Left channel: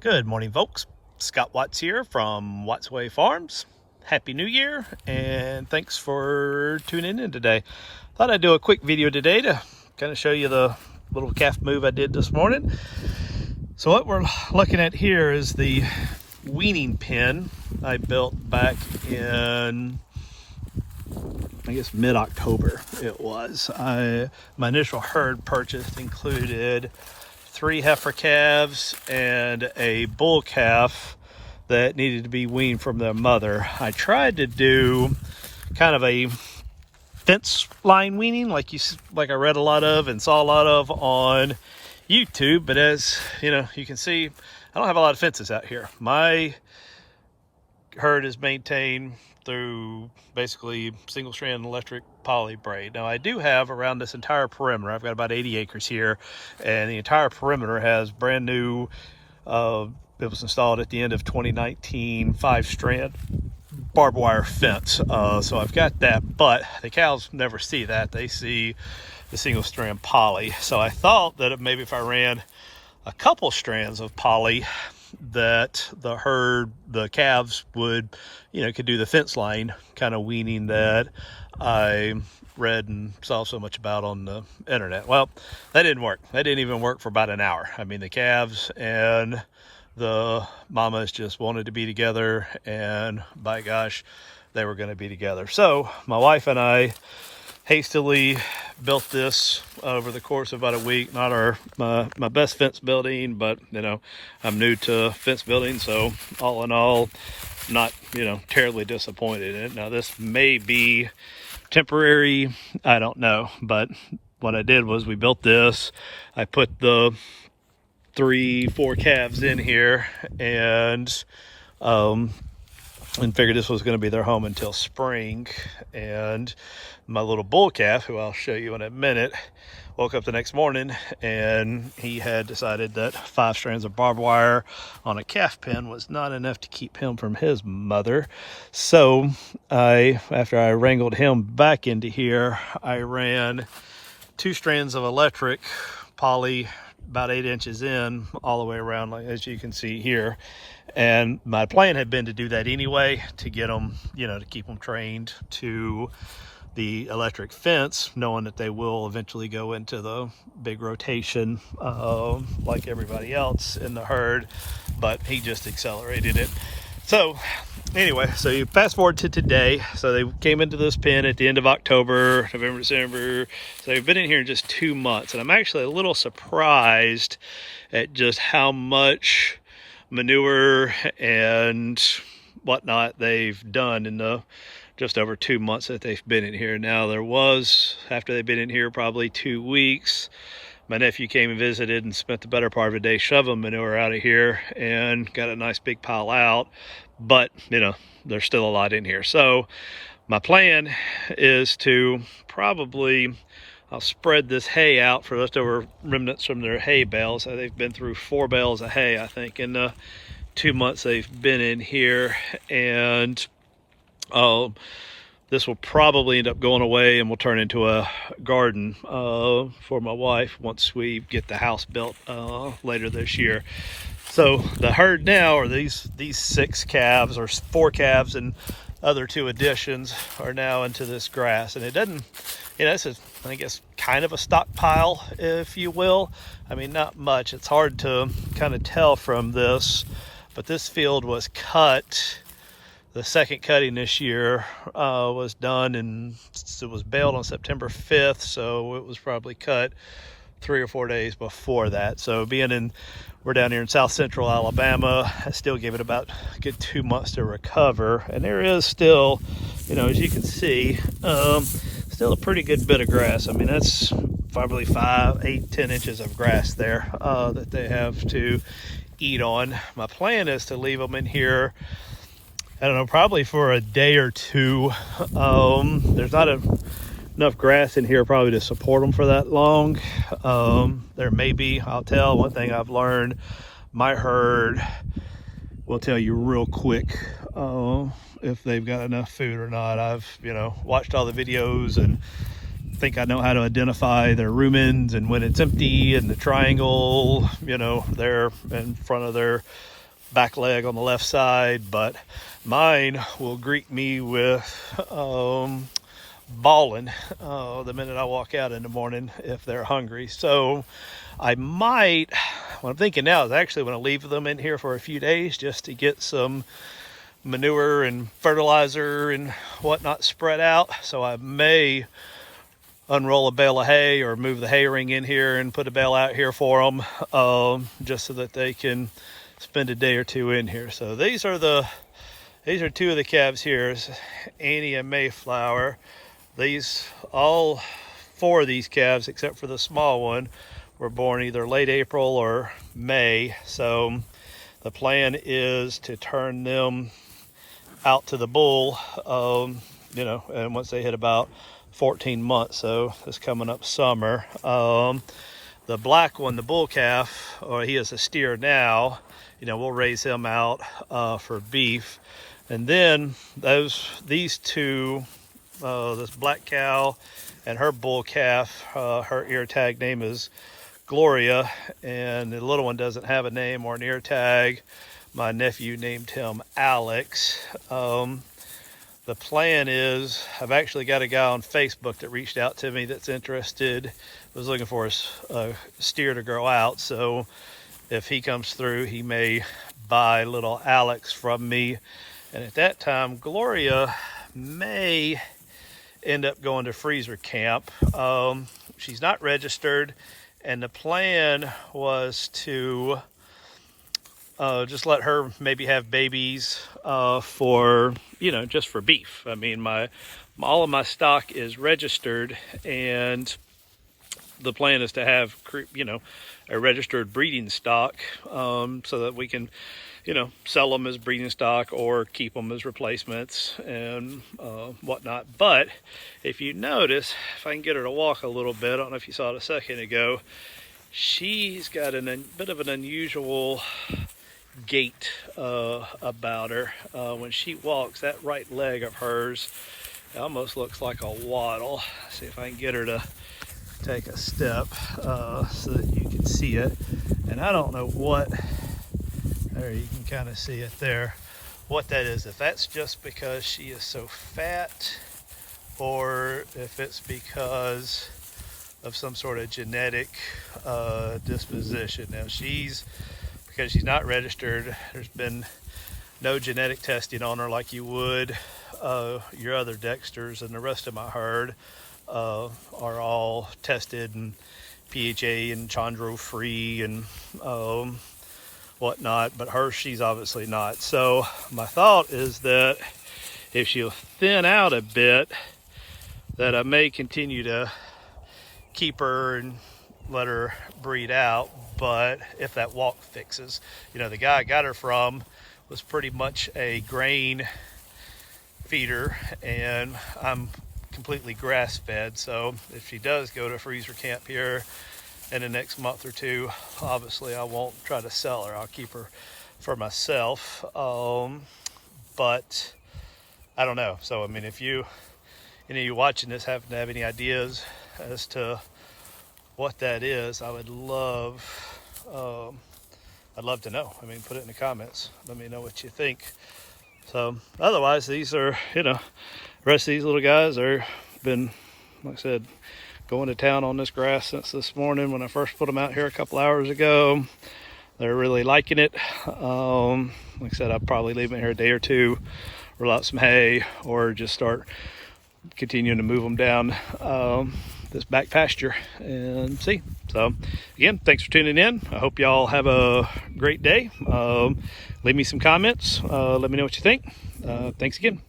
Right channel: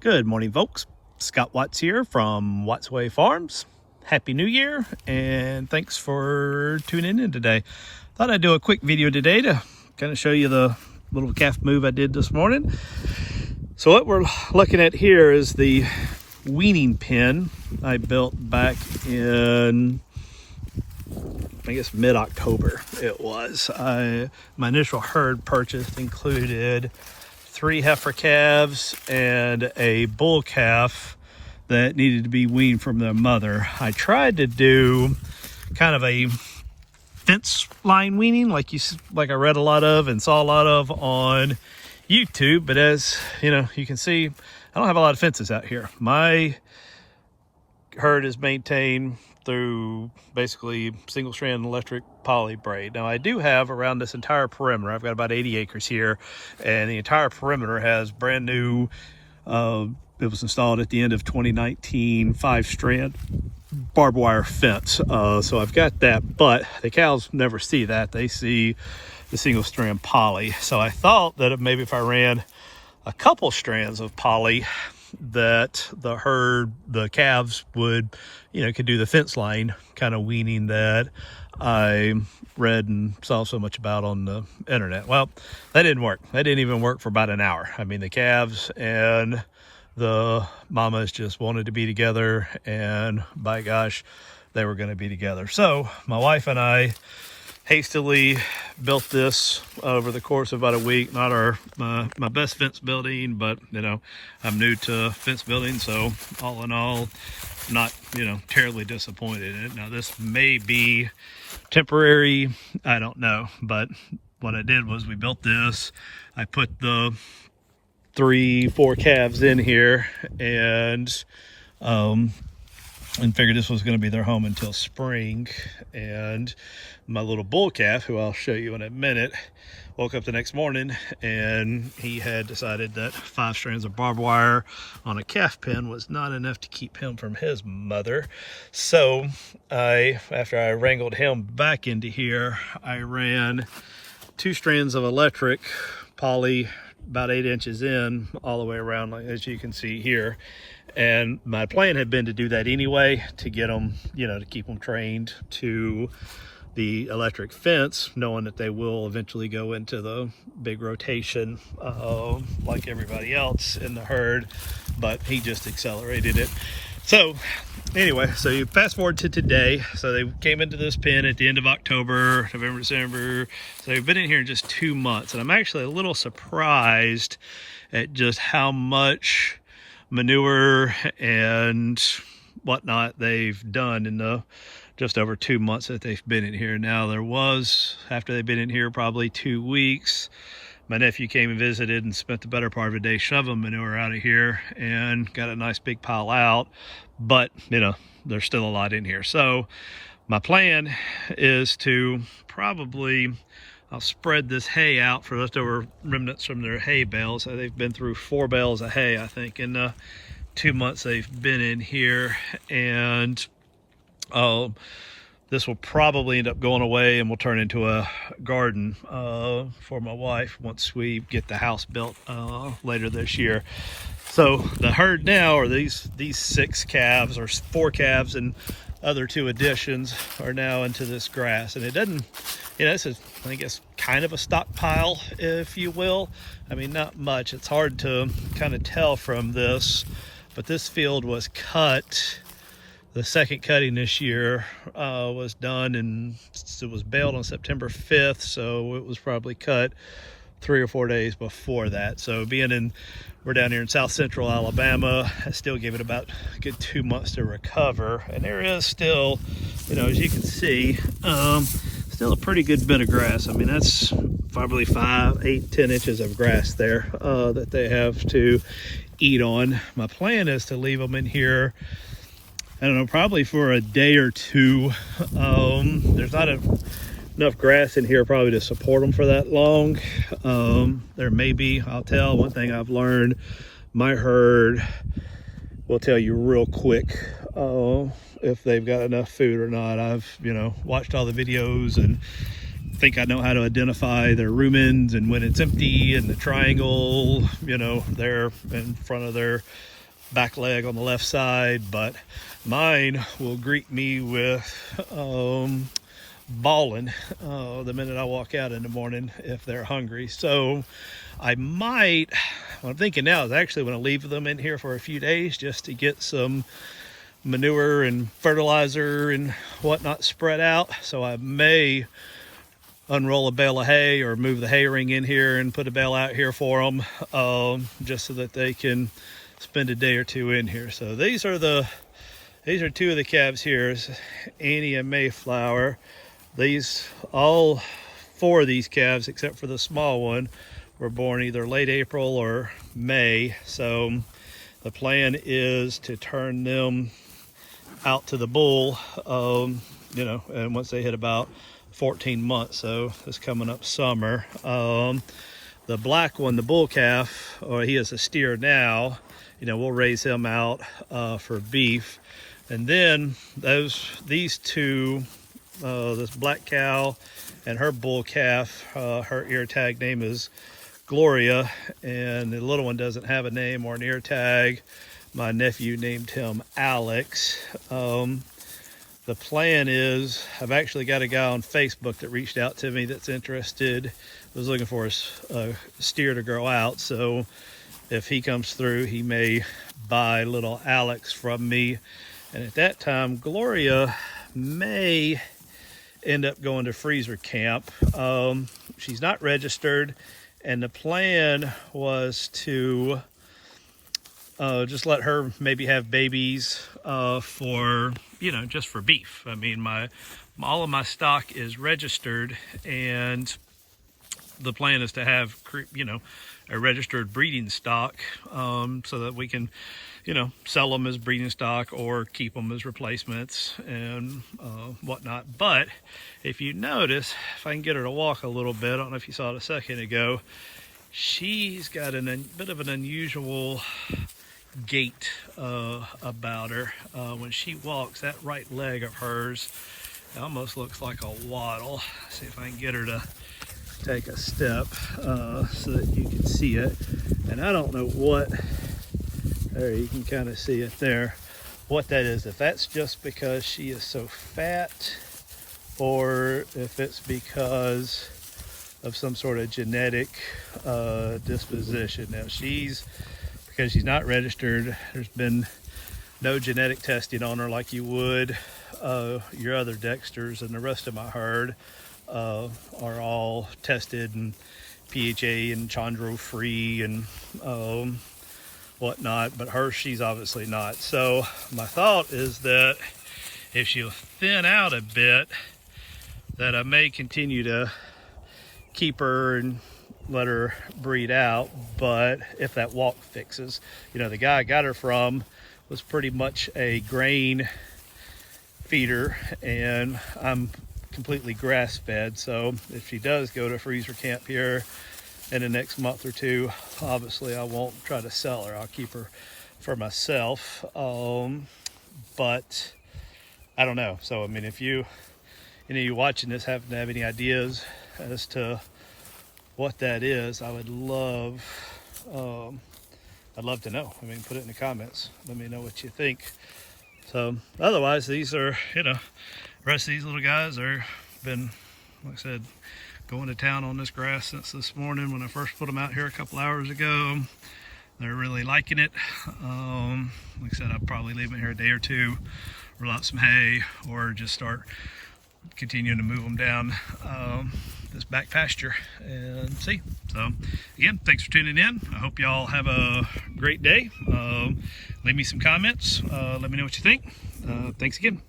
Good morning, folks. Scott Watts here from Watts Way Farms. Happy New Year, and thanks for tuning in today. Thought I'd do a quick video today to kind of show you the little calf move I did this morning. So what we're looking at here is the weaning pen I built back in, I guess, mid-October it was. My initial herd purchase included 3 heifer calves and a bull calf that needed to be weaned from their mother. I tried to do kind of a fence line weaning like I read a lot of and saw a lot of on YouTube, but as you know, you can see, I don't have a lot of fences out here. My herd is maintained through basically single strand electric poly braid. Now I do have around this entire perimeter, I've got about 80 acres here, and the entire perimeter has brand new, it was installed at the end of 2019, 5-strand barbed wire fence. So I've got that, but the cows never see that. They see the single strand poly. So I thought that maybe if I ran a couple strands of poly, that the calves would, could do the fence line kind of weaning that I read and saw so much about on the internet. Well, that didn't work. That didn't even work for about an hour. I mean, the calves and the mamas just wanted to be together, and by gosh, they were going to be together. So my wife and I hastily built this over the course of about a week. Not my best fence building, but I'm new to fence building, so all in all, not terribly disappointed in it. Now this may be temporary, I don't know, but what I did was we built this. I put the 3-4 calves in here and figured this was going to be their home until spring. And my little bull calf, who I'll show you in a minute, woke up the next morning and he had decided that 5 strands of barbed wire on a calf pen was not enough to keep him from his mother. So after I wrangled him back into here, I ran 2 strands of electric poly about 8 inches in all the way around, like as you can see here. And my plan had been to do that anyway, to get them, to keep them trained to the electric fence, knowing that they will eventually go into the big rotation like everybody else in the herd, but he just accelerated it. So anyway, so you fast forward to today. So they came into this pen at the end of October, November, December. So they've been in here just 2 months, and I'm actually a little surprised at just how much manure and whatnot they've done in the just over 2 months that they've been in here. Now there was, after they've been in here probably 2 weeks, my nephew came and visited and spent the better part of a day shoveling manure out of here and got a nice big pile out. But, there's still a lot in here. So my plan is to probably, I'll spread this hay out for leftover remnants from their hay bales. They've been through 4 bales of hay, I think, in the 2 months they've been in here. And this will probably end up going away and will turn into a garden for my wife once we get the house built later this year. So the herd now are these 6 calves, or 4 calves and other 2 additions, are now into this grass. And it doesn't, this is, I guess, kind of a stockpile, if you will. I mean, not much. It's hard to kind of tell from this, but this field was cut. The second cutting this year was done, and it was baled on September 5th, so it was probably cut 3 or 4 days before that. So we're down here in south central Alabama, I still give it about a good 2 months to recover. And there is still, as you can see, still a pretty good bit of grass. I mean, that's probably 5, 8, 10 inches of grass there that they have to eat on. My plan is to leave them in here, I don't know, probably for a day or 2. There's not enough grass in here probably to support them for that long. There may be, I'll tell, one thing I've learned, my herd will tell you real quick if they've got enough food or not. I've, watched all the videos and think I know how to identify their rumens and when it's empty, and the triangle, there in front of their back leg on the left side, but mine will greet me with bawling the minute I walk out in the morning if they're hungry. So I might, what I'm thinking now is I actually want to leave them in here for a few days just to get some manure and fertilizer and whatnot spread out. So I may unroll a bale of hay or move the hay ring in here and put a bale out here for them, just so that they can spend a day or two in here. So these are two of the calves here, Annie and Mayflower. These, all four of these calves, except for the small one, were born either late April or May. So the plan is to turn them out to the bull, and once they hit about 14 months, so it's coming up summer. The black one, the bull calf, he is a steer now. We'll raise him out for beef. And then these two, this black cow and her bull calf, her ear tag name is Gloria, and the little one doesn't have a name or an ear tag. My nephew named him Alex. The plan is, I've actually got a guy on Facebook that reached out to me that's interested, was looking for a steer to grow out. So if he comes through, he may buy little Alex from me. And at that time, Gloria may end up going to freezer camp. She's not registered, and the plan was to just let her maybe have babies for, just for beef. I mean, all of my stock is registered, and the plan is to have, a registered breeding stock, so that we can, sell them as breeding stock or keep them as replacements and whatnot. But if you notice, if I can get her to walk a little bit, I don't know if you saw it a second ago, she's got a bit of an unusual gait about her. When she walks, that right leg of hers almost looks like a waddle. See if I can get her to take a step so that you can see it. And I don't know what, there you can kind of see it there, what that is. If that's just because she is so fat, or if it's because of some sort of genetic disposition. Now because she's not registered, there's been no genetic testing on her like you would your other Dexters, and the rest of my herd are all tested and PHA and chondro free and whatnot, but her, she's obviously not. So my thought is that if she'll thin out a bit, that I may continue to keep her and let her breed out. But if that walk fixes, the guy I got her from was pretty much a grain feeder, and I'm completely grass fed. So if she does go to freezer camp here in the next month or two, obviously I won't try to sell her. I'll keep her for myself. But I don't know. So I mean, if you watching this happen to have any ideas as to what that is, I would love, I'd love to know. I mean, put it in the comments. Let me know what you think. So otherwise, these are, the rest of these little guys are been, like I said, going to town on this grass since this morning when I first put them out here a couple hours ago. They're really liking it. Like I said, I'll probably leave them here a day or two, roll out some hay, or just start continuing to move them down this back pasture and see. So again, thanks for tuning in. I hope y'all have a great day. Leave me some comments. Let me know what you think. Thanks again.